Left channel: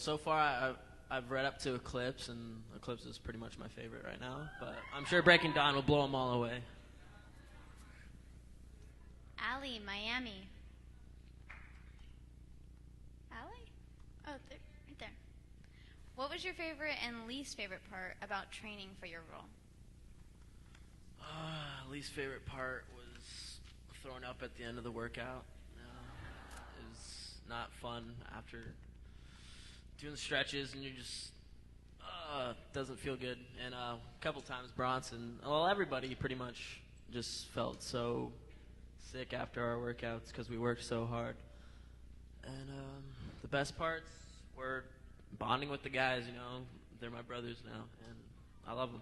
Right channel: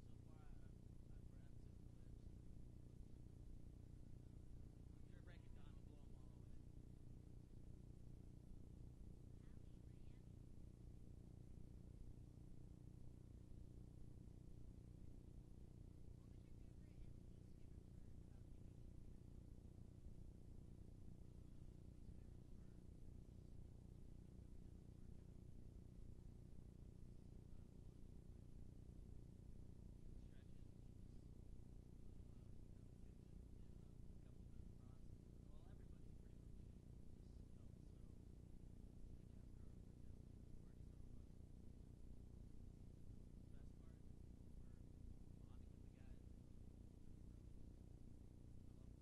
Well, so far I've read up to Eclipse, and Eclipse is pretty much my favorite right now. But I'm sure Breaking Dawn will blow them all away. Allie, Miami. Allie? Oh, right there. What was your favorite and least favorite part about training for your role? Least favorite part was throwing up at the end of the workout. It was not fun after doing stretches, and you just doesn't feel good. And a couple times Bronson, well, everybody pretty much just felt so sick after our workouts because we worked so hard. And the best parts were bonding with the guys. You know, they're my brothers now, and I love them.